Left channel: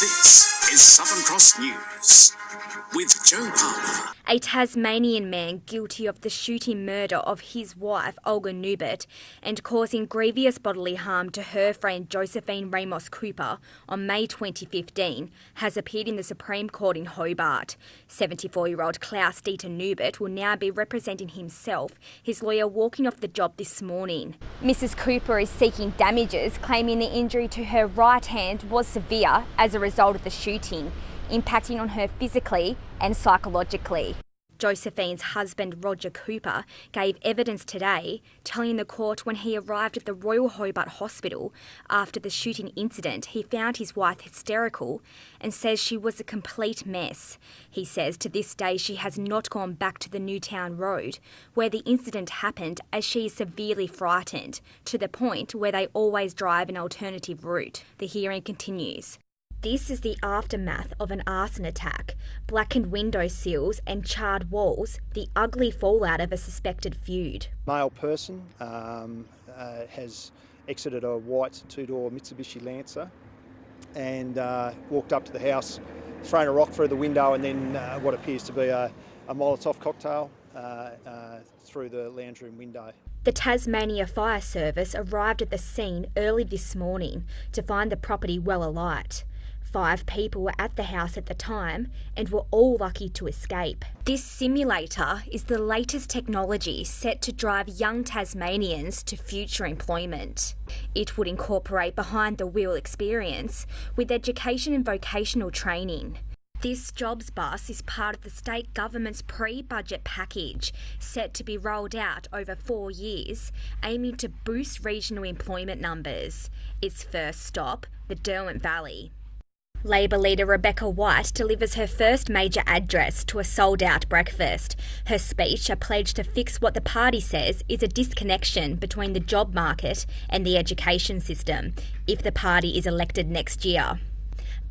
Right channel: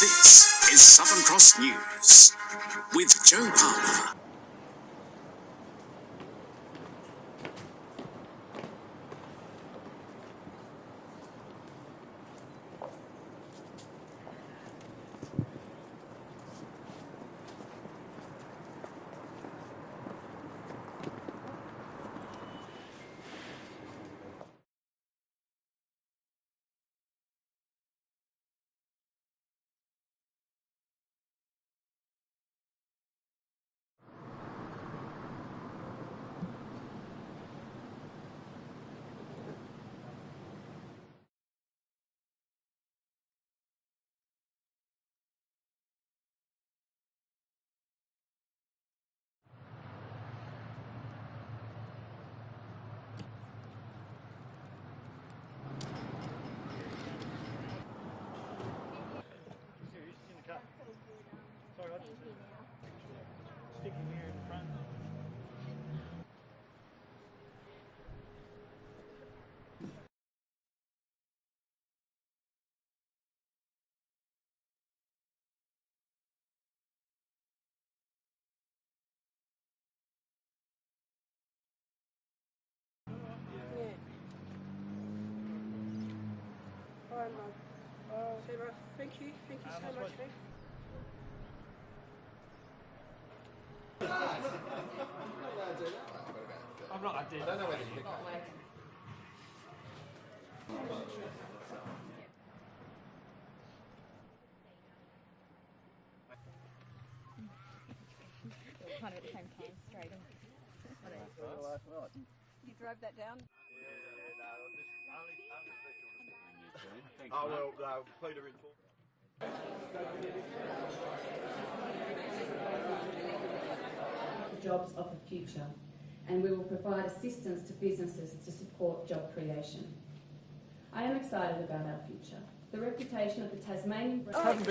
This is Southern Cross News with Joe Palmer. A Tasmanian man guilty of the shooting murder of his wife, Olga Newbert, and causing grievous bodily harm to her friend Josephine Ramos Cooper on May 2015, has appeared in the Supreme Court in Hobart. 74-year-old Klaus Dieter Newbert will now be representing himself, his lawyer walking off the job this morning. Mrs Cooper is seeking damages, claiming the injury to her right hand was severe as a result of the shooting, impacting on her physically and psychologically. Josephine's husband, Roger Cooper, gave evidence today, telling the court when he arrived at the Royal Hobart Hospital after the shooting incident, he found his wife hysterical and says she was a complete mess. He says to this day she has not gone back to the Newtown Road where the incident happened, as she is severely frightened, to the point where they always drive an alternative route. The hearing continues. This is the aftermath of an arson attack, blackened window sills and charred walls, the ugly fallout of a suspected feud. Male person has exited a white two-door Mitsubishi Lancer and walked up to the house, thrown a rock through the window and then what appears to be a Molotov cocktail through the lounge room window. The Tasmania Fire Service arrived at the scene early this morning to find the property well alight. 5 people were at the house at the time and were all lucky to escape. This simulator is the latest technology set to drive young Tasmanians to future employment. It would incorporate behind-the-wheel experience with education and vocational training. This jobs bus is part of the state government's pre-budget package, set to be rolled out over 4 years, aiming to boost regional employment numbers. Its first stop, the Derwent Valley. Labor leader Rebecca White delivers her first major address to a sold-out breakfast. Her speech, a pledge to fix what the party says is a disconnection between the job market and the education system, if the party is elected next year.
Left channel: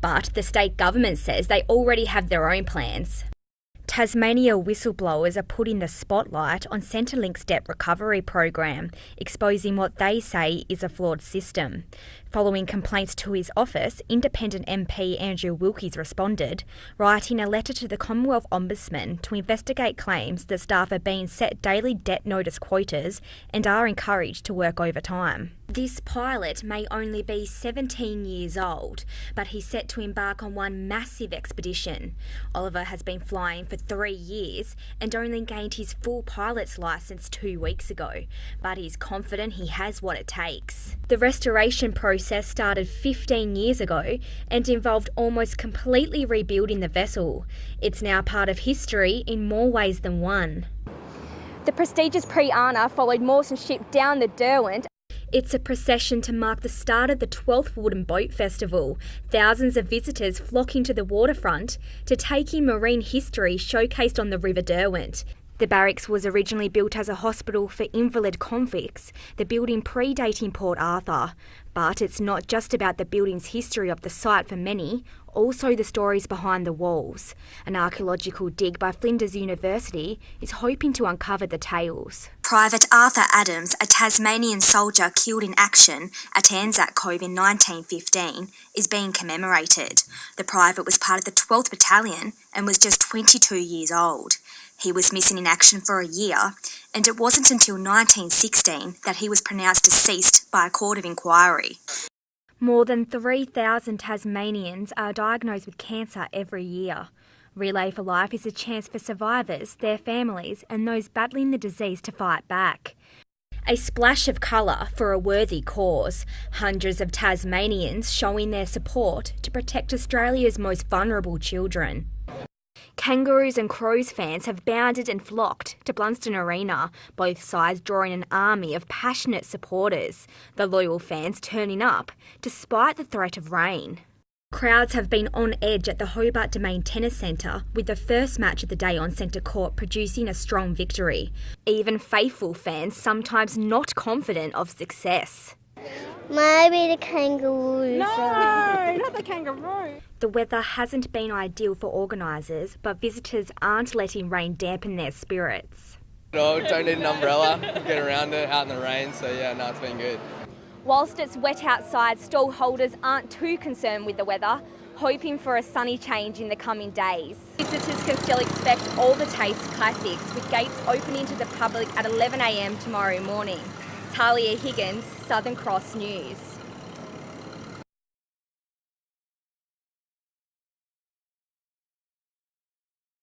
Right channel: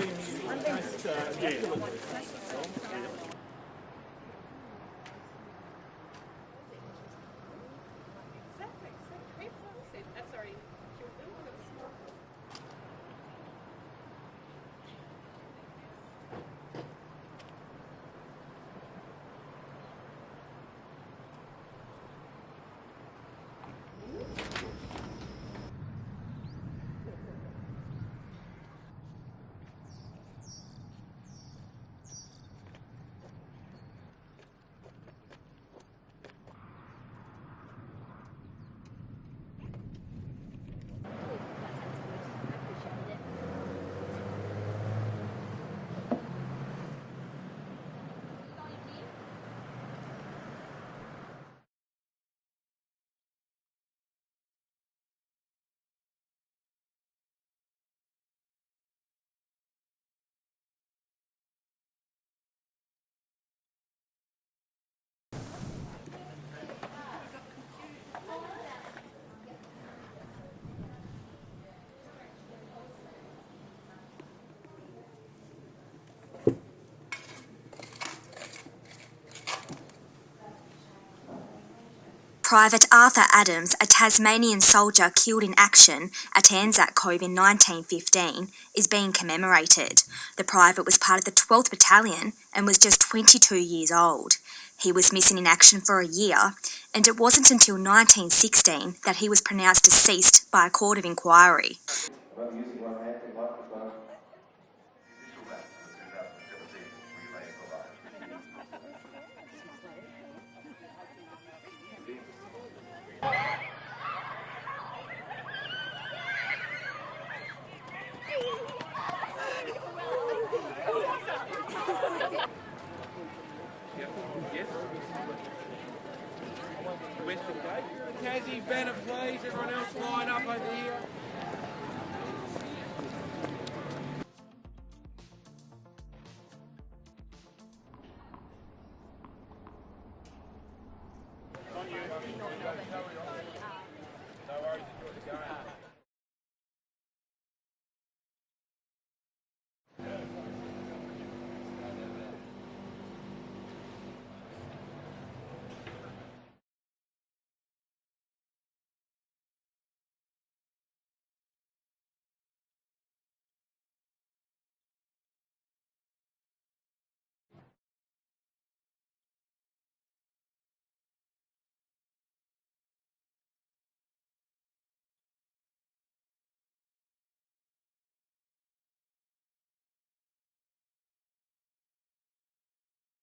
But the state government says they already have their own plans. Tasmania whistleblowers are putting the spotlight on Centrelink's debt recovery program, exposing what they say is a flawed system. Following complaints to his office, independent MP Andrew Wilkes responded, writing a letter to the Commonwealth Ombudsman to investigate claims that staff are being set daily debt notice quotas and are encouraged to work overtime. This pilot may only be 17 years old, but he's set to embark on one massive expedition. Oliver has been flying for 3 years and only gained his full pilot's licence 2 weeks ago, but he's confident he has what it takes. The restoration process started 15 years ago and involved almost completely rebuilding the vessel. It's now part of history in more ways than one. The prestigious Pre-Ana followed Mawson's ship down the Derwent. It's a procession to mark the start of the 12th Wooden Boat Festival. Thousands of visitors flocking to the waterfront to take in marine history showcased on the River Derwent. The barracks was originally built as a hospital for invalid convicts, the building predating Port Arthur. But it's not just about the building's history of the site for many, also the stories behind the walls. An archaeological dig by Flinders University is hoping to uncover the tales. Private Arthur Adams, a Tasmanian soldier killed in action at Anzac Cove in 1915, is being commemorated. The private was part of the 12th Battalion and was just 22 years old. He was missing in action for a year, and it wasn't until 1916 that he was pronounced deceased by a court of inquiry. More than 3,000 Tasmanians are diagnosed with cancer every year. Relay for Life is a chance for survivors, their families and those battling the disease to fight back. A splash of colour for a worthy cause. Hundreds of Tasmanians showing their support to protect Australia's most vulnerable children. Kangaroos and Crows fans have bounded and flocked to Blunston Arena, both sides drawing an army of passionate supporters, the loyal fans turning up despite the threat of rain. Crowds have been on edge at the Hobart Domain Tennis Centre, with the first match of the day on centre court producing a strong victory. Even faithful fans sometimes not confident of success. Maybe the kangaroos. No, not the kangaroo. The weather hasn't been ideal for organisers, but visitors aren't letting rain dampen their spirits. No, don't need an umbrella, get around it, out in the rain, so yeah, no, it's been good. Whilst it's wet outside, stall holders aren't too concerned with the weather, hoping for a sunny change in the coming days. Visitors can still expect all the Taste classics, with gates opening to the public at 11 a.m. tomorrow morning. Tahlia Higgins, Southern Cross News.